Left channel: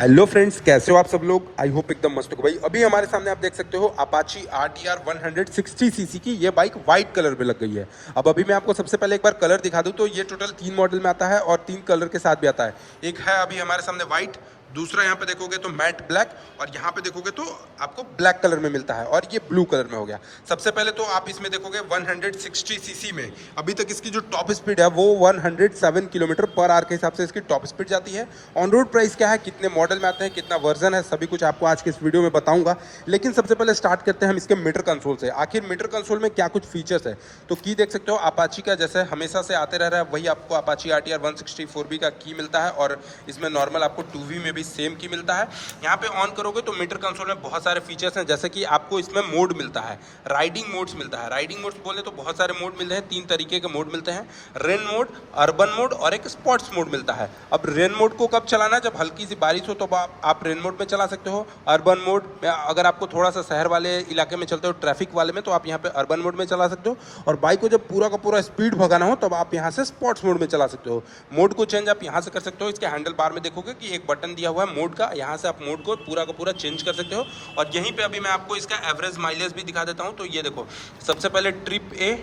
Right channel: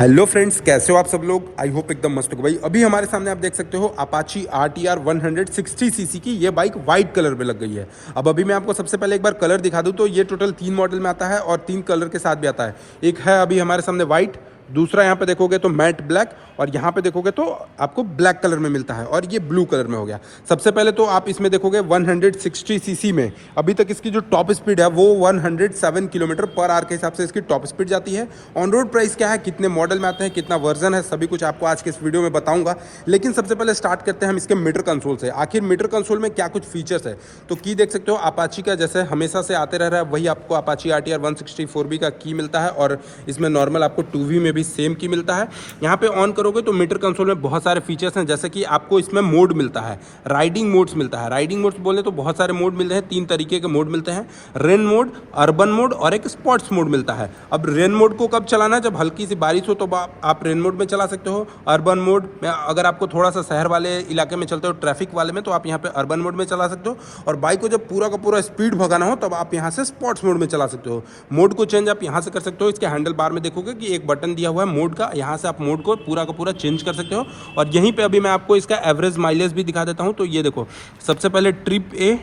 Hello friends, कैसे हो आप सब लोग। आई होप एकदम मस्त हो भाई। अभी हमारे सामने आप देख सकते हो अपाची RTR 160 सीसी की ये बाइक वाइट कलर में लग गई है। अब अभी मैं आपको सबसे पहले एक बार कलर दिखा दूं तो ये टोटल 3 मॉडल में आता है और 3 कलर के साथ भी आता है। एक है अभी हमारे सामने वाइट, दूसरा यहाँ पे देखोगे तो मैट ब्लैक, और यहाँ पे देखोगे तो आपको ब्लैक कलर में मिलता है, और ये ब्लू कलर में हो गया। सबसे पहले तो आप इसमें देखोगे 160 सीसी में अभी तक इसकी जो टॉप स्पीड है वो 107 किलोमीटर पर आवर के हिसाब से इसकी टॉप स्पीड जाती है। ऑन रोड प्राइस क्या है, कितने मॉडल में आते हैं, कितना वर्जन है, सभी कुछ आपको आज के इस वीडियो में बताऊंगा। लेकिन सबसे पहले स्टार्ट करते हैं हम इसके मीटर कंसोल से। आखिर मीटर कंसोल में क्या कुछ फीचर्स है, तो की देख सकते हो अपाची का जैसे हमेशा से आते रह रहा है वही आपको अपाची RTR 160 का की मिलता है, और इसमें नॉर्मल आपको 2V में भी सेम की मिलता है। यहाँ पे ऑन करोगे तो मीटर कंसोल में बहुत सारे फीचर्स हैं, जैसे कि आपको इसमें मोड मिलता है, राइडिंग मोड्स मिलता है। राइडिंग मोड्स बोले तो बहुत सारे मोड मिलते हैं, 3 तरीके के मोड मिलते हैं, रेन मोड, अर्बन मोड और एक स्पोर्ट्स मोड मिलता है। अब रेन मोड को कब चलाना, जब हल्की सी बारिश हो तो आप रेन मोड में चला सकते हो। अर्बन मोड में अगर आपको थोड़ा सा शहर वाले इलाके में चलते हो, ट्रैफिक वाले में, तो आप यहाँ पे अर्बन मोड में चला सकते हो। और बाइक को जब पूरा का पूरा स्पीड भगाना हो तब आप यहाँ से स्पोर्ट्स मोड में चला सकते हो। मोड को चेंज आप यहाँ से कर सकते हो। इसके हैंडल बार में देखोगे कि एक बटन दिया हुआ है मोड का, यहाँ से आप मोड को पूरा का पूरा चेंज कर सकते हो। और यहीं पे अभी मैं आपको इसका एवरेज माइलेज भी दिखा देता हूँ। तो ये देखो, सबसे पहले ट्रिप A,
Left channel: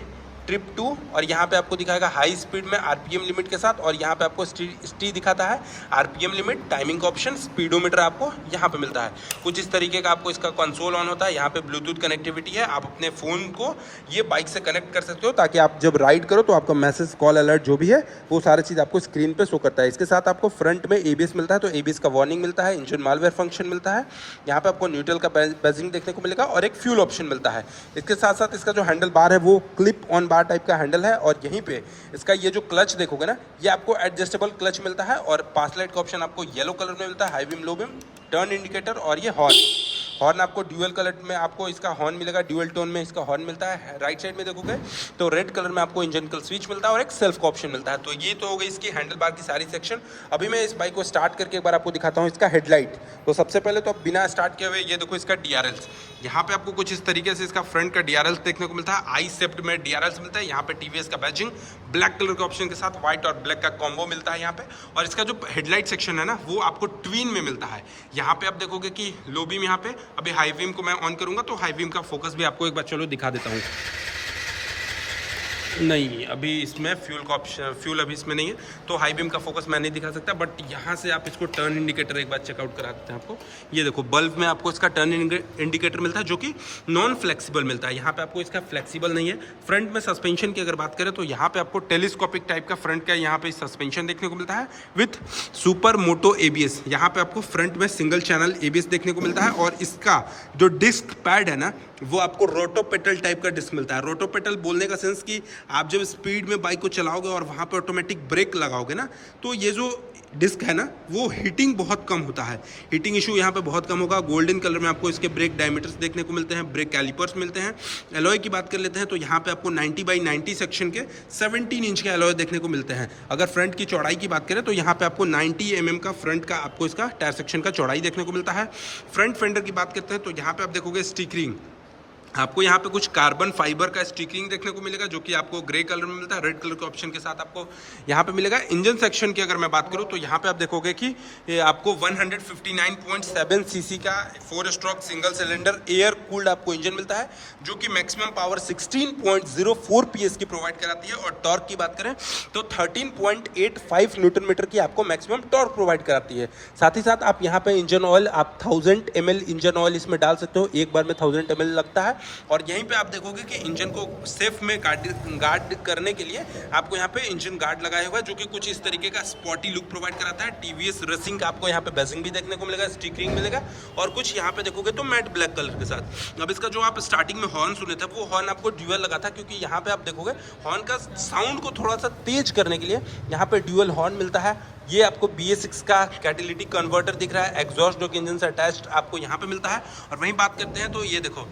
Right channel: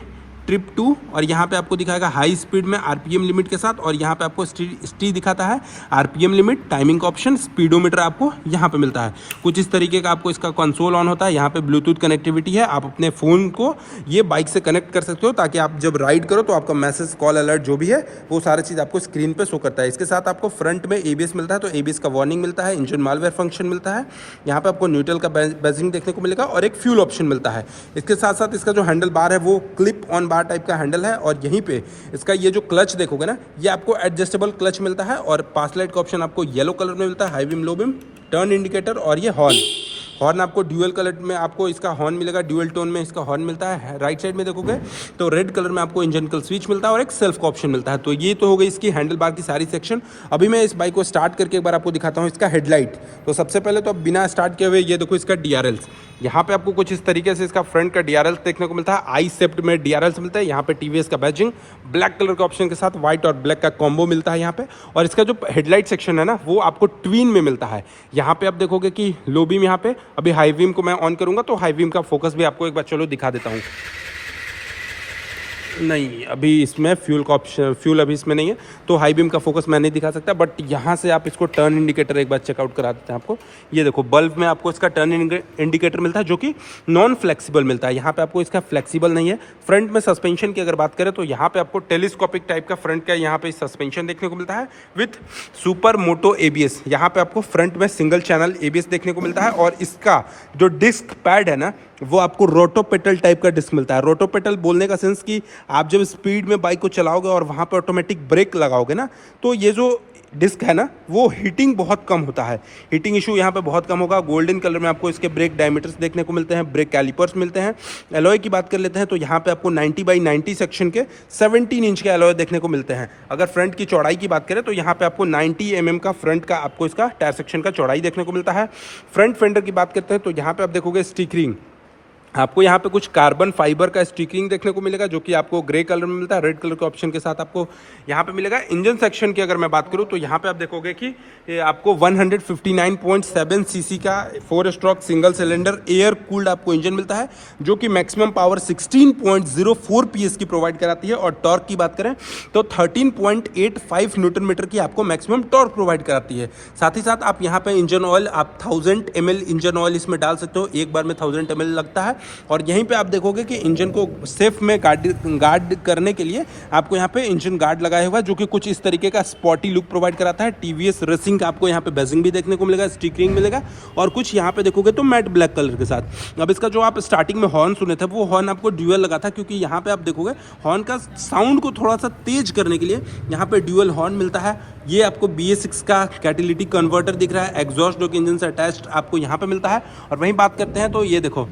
ट्रिप 2, और यहाँ पे आपको दिखाएगा हाई स्पीड में RPM लिमिट के साथ, और यहाँ पे आपको स्टी दिखाता है, RPM limit, timing option, speedometer आपको यहाँ पे मिलता है। कुछ इस तरीके का आपको इसका कंसोल ऑन होता है। यहाँ पे ब्लूटूथ कनेक्टिविटी है, आप अपने फ़ोन को ये बाइक से कनेक्ट कर सकते हो ताकि आप जब राइड करो तो आपका मैसेज, कॉल, अलर्ट जो भी है वो सारी चीज़ आपको स्क्रीन पर शो करता है। इसके साथ आपको फ्रंट में ABS मिलता है, तो ABS का वार्निंग मिलता है, इंजन मालवेयर फंक्शन मिलता है, यहाँ पे आपको न्यूट्रल का बैजिंग देखने को मिलेगा, और एक फ्यूल ऑप्शन मिलता है। इसके साथ साथ इसका जो हैंडल बार है वो क्लिप ऑन बार टाइप का हैंडल है, और यहीं पे इसका ये जो क्लच देखोगे ना, ये आपको एडजस्टेबल क्लच मिलता है, और पास लाइट का ऑप्शन आपको येलो कलर में मिलता है, high beam, low beam, turn indicator, और ये हॉर्न आपको ड्यूअल कलर में आपको इसका हॉर्न मिलेगा, ड्यूअल टोन में इसका हॉर्न मिलता है। राइट साइड में देखोगे तो रेड कलर में आपको इंजन कल स्विच मिलता है और एक सेल्फ का ऑप्शन मिलता है। तो ये तो हो गई इसकी हैंडल बार की सारी सेक्शन। अभी मैं इस बाइक को स्टार्ट करके एक बार आपको दिखाता हूँ इसका हेडलाइट। तो सबसे पहले तो अब बिना स्टार्ट किए हुए ये देखो इसका DRLs। यहाँ पे आपको कुछ इस तरीके से इसका फ्रंट का DRLs देखने को मिलता है, आई सेप्ट में DRLs मिलता है। यहाँ पे TVS का बैजिंग ब्लैक कलर के ऑप्शन के साथ व्हाइट और ब्लैक का कॉम्बो मिलता है यहाँ पे। और इसका जो हेडलाइट सेक्शन है ना वो आपको ट्विन में मिलता है। यहाँ पे आप देखोगे कि लो बीम, यहाँ पे अभी हाई बीम को मैं ऑन करूंगा तो हाई बीम का फोकस भी आपको एक बार चलो दिखा देता हूँ। नहीं, अभी इसमें फ्यूल का ऑप्शन, फ्यूल अभी इसमें नहीं है तो हाई बीम का फोकस मैं नहीं दिखा सकता, बट यहाँ से आप इसको टर्न इंडिकेटर एक बार चेकआउट करा देते हैं आपको। ये देखो बल्ब में आपको इसका टर्न इंडिकेटर मिलता है जो कि नॉन फ्लेक्सिबल मिलता है। यहाँ पे आपको इसका फ्लेक्सिबल नहीं है। फ्रंट में सस्पेंशन की अगर बात करें तो यहाँ पे आपको टेलीस्कोपिक टाइप का फ्रंट का यहाँ पे सस्पेंशन देखने को मिलता है विथ सुपर मोटो ABS। यहाँ पे आपको फ्रंट में सिंगल चैनल ABS देखने को मिलता है, और इसका जो डिस्क पैड है ना वो आपको रोटोपेटल टाइप का डिस्क मिलता है। रोटोपेटल बोलने का सेंस कि आप जब स्पीड में बाइक को चलाओगे और वहाँ पे ऑटोमेटिक ब्रेक लगाओगे ना, तो ये जो डिस्क है ना वो हीटिंग बहुत कम होता है, हीटिंग इशू यहाँ पे बहुत कम होगा। गोल्डन कलर में आपको इसके ब्रेक डायमीटर्स देखने को मिलते हैं, ब्रेक कैलिपर्स मिलते हैं। एलॉय की बात कर लेते हैं तो यहाँ पे आपको 90x90 सेक्शन के 17 इंच के एलॉय देखने को मिलते हैं। अगर फ्रंट की चौड़ाई की बात करें तो यहाँ पे आपको 90 mm का फ्रंट का आपको इसका टायर सेक्शन का चौड़ाई देखने को मिलता है। फ्रंट फेंडर की बात करते हैं तो यहाँ पे आप देखोगे स्टिकरिंग, आपको यहाँ पे कुछ कार्बन फाइबर का स्टिकरिंग देखने को मिलेगा जो कि आपको ग्रे कलर में मिलता है, रेड कलर के ऑप्शन के साथ आपको यहाँ पे मिलेगा। इंजन सेक्शन की अगर मैं बात करूँ तो यहाँ पे आप देखोगे कि आपको 159.7 सीसी का 4 stroke single cylinder air cooled आपको इंजन मिलता है जो कि मैक्सिमम पावर 16.04 PS की प्रोवाइड कराती है। और टॉर्क की बात करें तो 13.85 न्यूटन मीटर की आपको मैक्सिमम टॉर्क प्रोवाइड कराती है। साथ ही साथ आप यहाँ पे इंजन ऑयल आप 1000 ml इंजन ऑयल इसमें डाल सकते हो, एक बार में 1000 ml लगता है। और यहीं पे आप देखोगे कि इंजन को सेफ में गार्ड करने के लिए आपको यहाँ पे इंजन गार्ड लगाया हुआ है जो कि कुछ इस तरीके का स्पॉटी लुक प्रोवाइड कराता है। TVS रेसिंग का आपको यहाँ पे बैजिंग भी देखने को मिलेगा, स्टिकरिंग मिलेगा, और कुछ यहाँ पे देखोगे तो मैट ब्लैक कलर के साथ। अब इसका जो आप स्टार्टिंग में हॉर्न सुने थे वो हॉर्न आपको ड्यूअल लगा था, क्योंकि यहाँ पे आप देखोगे हॉर्न का साउंड को थोड़ा सा तेज करने के लिए यहाँ पे ड्यूअल हॉर्न मिलता है। ये आपको BS6 का कैटेलिटिक कन्वर्टर दिख रहा है, एग्जॉस्ट जो कि इंजन से अटैच्ड आपको यहाँ पे मिलता है। और वहीं बात करते हैं तो ये देखो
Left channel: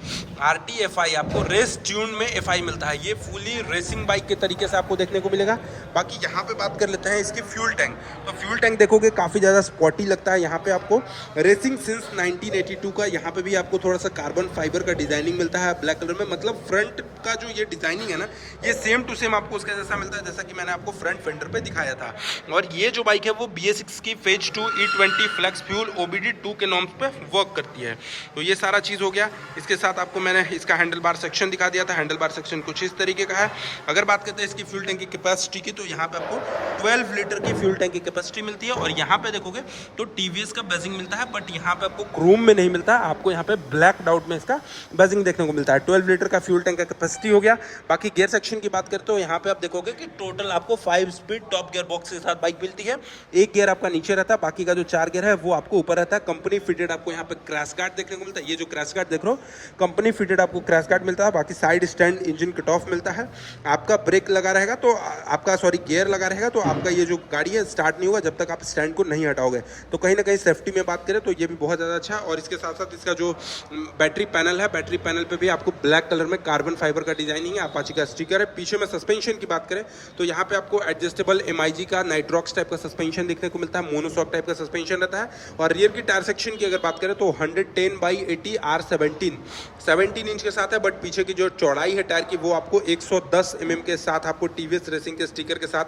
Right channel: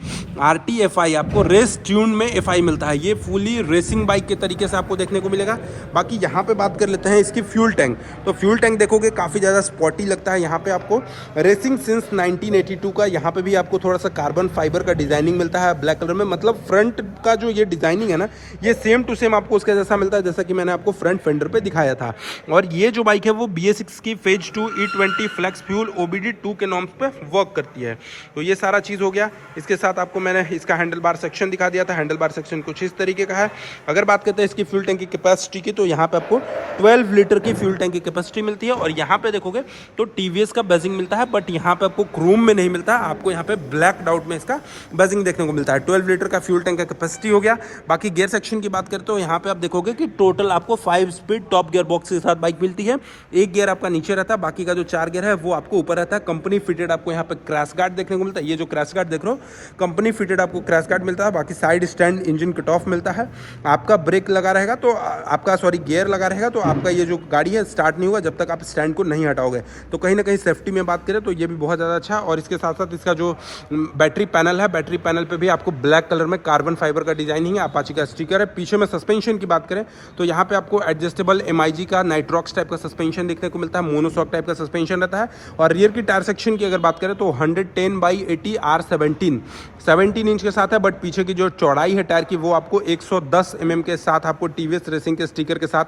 RTFI आपको रेस ट्यून में FI मिलता है, ये फुली रेसिंग बाइक के तरीके से आपको देखने को मिलेगा। बाकी यहाँ पे बात कर लेते हैं इसकी फ्यूल टैंक। तो फ्यूल टैंक देखोगे काफ़ी ज़्यादा स्पॉटी लगता है। यहाँ पे आपको रेसिंग सिंस 1982 का यहाँ पे भी आपको थोड़ा सा कार्बन फाइबर का डिजाइनिंग मिलता है ब्लैक कलर में। मतलब फ्रंट का जो ये डिजाइनिंग है ना, ये सेम टू सेम आपको उसके जैसा मिलता है जैसा कि मैंने आपको फ्रंट फेंडर पे दिखाया था। और ये जो बाइक बाइक है वो BS6 की phase 2 E20 flex fuel OBD 2 के नॉर्म्स पे वर्क करती है। तो ये सारा चीज़ हो गया। इसके साथ आपको मैंने इसका हैंडल बार सेक्शन दिखा दिया था। हैंडल बार सेक्शन कुछ इस तरीके का है। अगर बात करते हैं इसकी फ्यूल टैंक की कैपेसिटी की, तो यहाँ पे आपको 12 लीटर की फ्यूल टैंक की कैपेसिटी मिलती है। और यहाँ पे देखोगे तो TVS का बेजिंग मिलता है, बट यहाँ पे आपको क्रोम में नहीं मिलता, आपको यहाँ पे ब्लैक आउट में इसका बेजिंग देखने को मिलता है। 12 लीटर का फ्यूल टैंक का कैपेसिटी हो गया। बाकी गियर सेक्शन की बात करते हो, यहाँ पे आप देखोगे कि टोटल आपको 5 स्पीड टॉप गियर बॉक्स के साथ बाइक मिलती है। एक गियर आपका नीचे रहता है, बाकी का जो 4 गियर है वो आपको ऊपर रहता है। कंपनी फिटेड आपको यहाँ पे क्रैश गार्ड देखने को मिलता है। ये जो क्रैश गार्ड देख रहे हो, कंपनी फिटेड आपको क्रैश गार्ड मिलता है। बाकी side stand engine cut off मिलता है। आपका ब्रेक लगा रहेगा तो आपका गियर लगा रहेगा तो आपका ये जो गाड़ी है स्टार्ट नहीं होगा जब तक आप स्टैंड को नहीं हटाओगे। तो कहीं ना कहीं सेफ्टी में बात करें तो ये भी बहुत ज़्यादा अच्छा है। और इसके साथ साथ इसका जो बैटरी पैनल है, बैटरी पैनल पे भी आपको ब्लैक कलर में कार्बन फाइबर का डिजाइनिंग है, अपाची का स्टिकर है। पीछे में सस्पेंशन की बात करें तो यहाँ पे आपको एडजस्टेबल MIG का नाइट्रॉक्स टाइप का सस्पेंशन देखने को मिलता है। मोनोशॉक टाइप का सस्पेंशन रहता है। और रियर की टायर सेक्शन की अगर बात करें तो 110/80 R17 17 इंच के साथ है। बट पीछे की जो चौड़ाई है टायर की वो आपको 110 mm के साथ आपको TVS रेसिंग के स्टिकर के साथ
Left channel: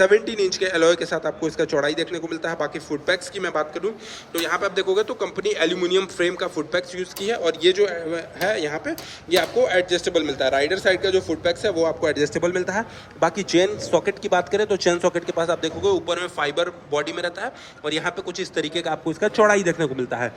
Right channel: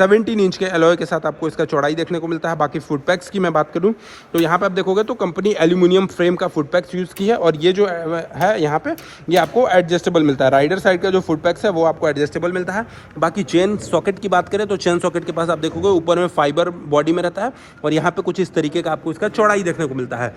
17 इंच के एलॉय के साथ आपको इसका चौड़ाई देखने को मिलता है। बाकी फुट पैक्स की मैं बात करूं तो यहाँ पे आप देखोगे तो कंपनी एल्यूमिनियम फ्रेम का फुट पैक्स यूज़ की है। और ये जो है यहाँ पे ये आपको एडजस्टेबल मिलता है। राइडर साइड का जो फुट पैक्स है वो आपको एडजस्टेबल मिलता है। बाकी चेन सॉकेट की बात करें तो चेन सॉकेट के पास आप देखोगे ऊपर में फाइबर बॉडी में रहता है और यहाँ पे कुछ इस तरीके का आपको इसका चौड़ाई देखने को मिलता है।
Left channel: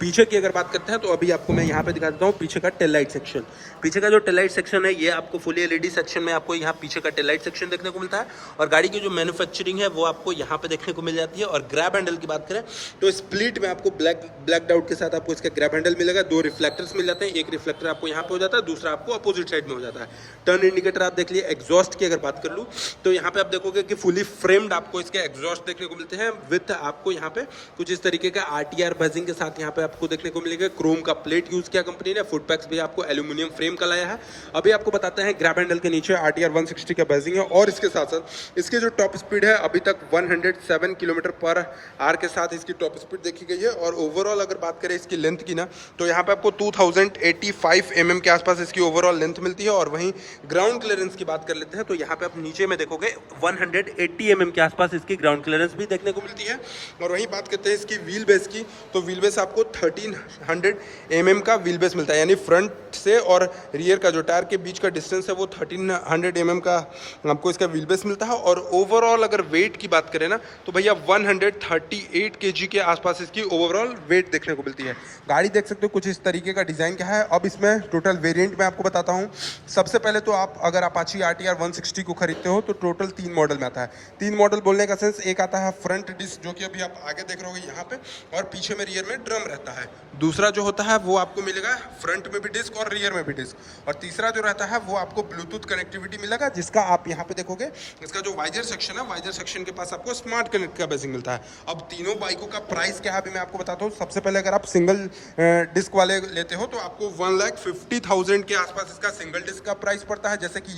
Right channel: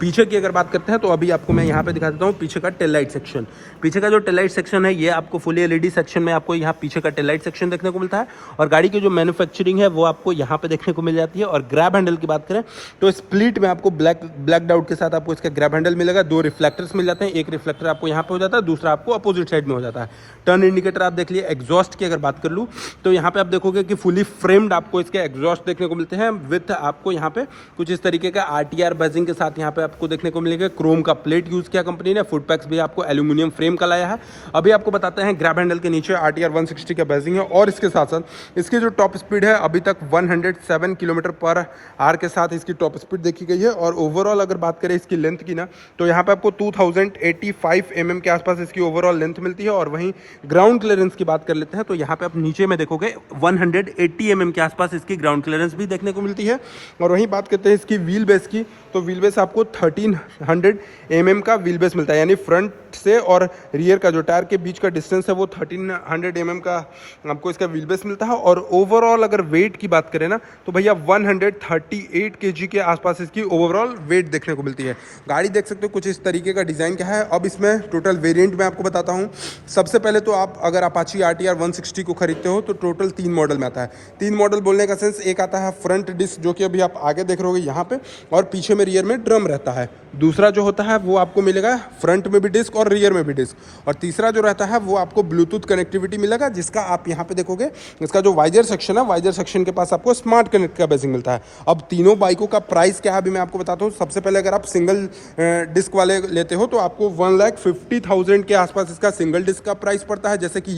पीछे की अगर बात करते हैं तो अभी आपको मैं यहाँ पे दिखा देता हूँ पीछे का टेल लाइट सेक्शन। पीछे का जो टेल लाइट सेक्शन है ये आपको फुली LED सेक्शन में आपको यहाँ पीछे का टेल लाइट सेक्शन देखने को मिलता है। और गाड़ी की जो मैन्युफैक्चरिंग है वो आपको यहाँ पे देखने को मिल जाती है। और ग्रैब हैंडल की बात करें तो स्प्लिट में आपको ब्लैक डाउट के साथ आपको इसका ग्रैब हैंडल मिलेगा। 2 रिफ्लेक्टर्स मिल जाते हैं। एक रिफ्लेक्टर आपको यहाँ पे हो जाता है, दूसरा आपको अपोजिट साइड में हो जाता है। टर्न इंडिकेटर आप देख लिए। एग्जॉस्ट की अगर बात कर लूँ तो यहाँ पे आप देखोगे कि फुली फ्रेम्ड आपको इसके एग्जॉस्ट देखने को मिलते हैं। विथ आपको यहाँ पे कुछ इस तरीके का RTR बेजिंग के साथ यहाँ पे आपको देखने को मिलेगा। क्रोम का प्लेट यूज किया कंपनी ने। फुट पैक्स भी आपको एल्यूमिनियम फ्रेम का लाया है। अभी आपको बताते हैं ग्रैब हैंडल के नीचे RTR 160 का बेजिंग है। और इसके साथ साथ इसके जो टॉप स्पीड है अभी तक 107 km/h के साथ इसकी टॉप स्पीड देखी गई है। और ओवरऑल अगर बात करें इसकी लेंथ की ना तो यहाँ पे आपको 2085 mm के आसपास इसकी ओवरऑल लेंथ मिलती है। और वहीं ग्राउंड क्लियरेंस की बात कर लेते हैं तो यहाँ पे आप नीचे में देखोगे 180 mm के आसपास इसकी ग्राउंड क्लियरेंस भी देखने को मिलती है। और वहीं बात करते हैं इसकी व्हील बेस की तो व्हील बेस आपको 1300 mm का व्हील बेस मिलता है। यानी फ्रंट से और रियर का जो टायर के बीच का डिस्टेंस है वो 1300 mm का आपको इसका व्हील बेस मिलता है। और ओवरऑल अगर वेट की बात करें ना तो भैया 138 kg के आसपास इसकी ओवरऑल वेट देखने को मिलती है। गाड़ी देख सकते हो कुछ इस तरीके का डिज़ाइन क्या है। अब इसमें टोटल वेरिएंट मैं आपको बताता हूँ। सबसे पहले तो आप अगर अपाची RTR 160 को खरीदते हो तो टोटल 3 मॉडल में आता है। 3 मॉडल बोलने का सेंस, एक आता है फ्रंट डिस्क जो कि अभी आप आगे देख रहे हो यहाँ पे, और पीछे में रियर में ड्रम रहता है। दूसरा जो होता है वो आपको मिलेगा फ्रंट में भी डिस्क और रियर में भी डिस्क। और तीसरा जो रहता है वो आपको ब्लूटूथ कनेक्टिविटी मिलेगा, जिसका आप यहाँ पे देखोगे इसका जो वाइजर सेक्शन है, वाइजर सेक्शन के पास आपको स्मार्ट कनेक्ट का बेसिंग मिलता है। अब तीनों बाइकों का प्राइस क्या है अभी मैं आपको बताता हूँ। सबसे पहले अगर आप सिंगल डिस्क वाले लेते हो तो आपको 1,50,000 के आसपास इसका सिंगल डिस्क का प्राइस पड़ता है। जैसे कि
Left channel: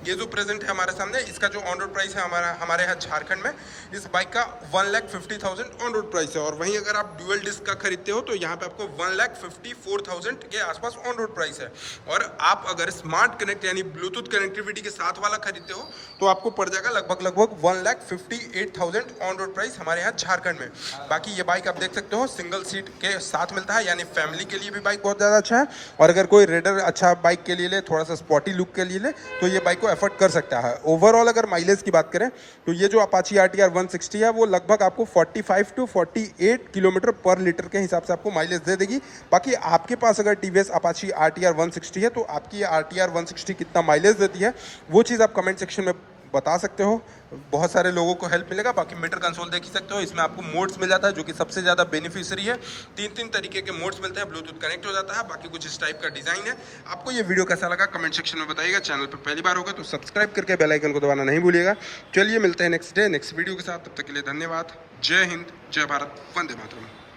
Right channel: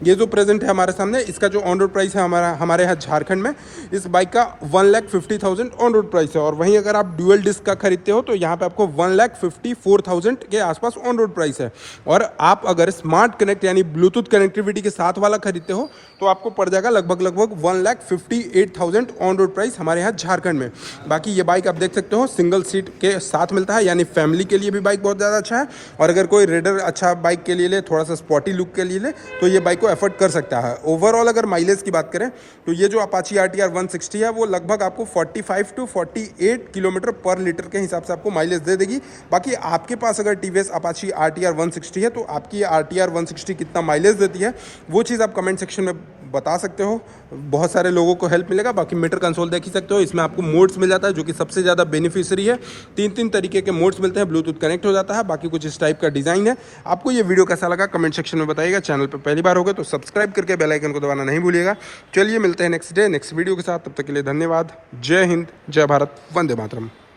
ये जो प्रेजेंट है हमारे सामने, इसका जो ऑन रोड प्राइस है हमारे यहाँ झारखंड में इस बाइक का 1,50,000 ऑन रोड प्राइस है। और वहीं अगर आप ड्यूअल डिस्क का खरीदते हो तो यहाँ पे आपको 1,54,000 के आसपास ऑन रोड प्राइस है। और आप अगर स्मार्ट कनेक्ट यानी ब्लूटूथ कनेक्टिविटी के साथ वाला खरीदते हो तो आपको पड़ जाएगा लगभग 1,58,000 ऑन रोड प्राइस हमारे यहाँ झारखंड में। बाकी ये बाइक आप देख सकते हो सिंगल सीट के साथ मिलता है, यानी फैमिली के लिए भी बाइक बहुत ज़्यादा अच्छा है। और अगर कोई रेडर अच्छा बाइक के लिए ले, थोड़ा सा स्पॉटी लुक के लिए ले तो ये बाइक को एफोर्ड कर सकता है। ओवरऑल अगर माइलेज की बात करें तो ये जो अपाची RTR 160 है वो लगभग आपको 45 to 48 km/लीटर के हिसाब से आपको माइलेज दे देगी। बाकी आपके पास अगर TVS अपाची RTR 160 है तो आपकी RTR 160 कितना माइलेज देती है वो चीज़ आप कमेंट सेक्शन में बता सकते हो। बहुत सारे लोगों को हेल्प मिलेगा। बाकी मीटर कंसोल देख ही सकते हो, इसमें आपको मोड्स मिल जाता है जो कि सबसे ज़्यादा बेनिफिशियरी है। 3 तरीके के मोड्स मिलते हैं, ब्लूटूथ कनेक्ट हो जाता है। बाकी कुछ इस टाइप का डिज़ाइन है। आपको ये वीडियो कैसा लगा कमेंट सेक्शन में बताइएगा। चैनल पर पहली बार होगा तो सब्सक्राइब करके बेल आइकन को दबाना नहीं भूलिएगा। चलिए मिलते हैं नेक्स्ट वीडियो के साथ, तब तक के लिए धन्यवाद। जय हिंद, जय भारत, वंदे मातरम।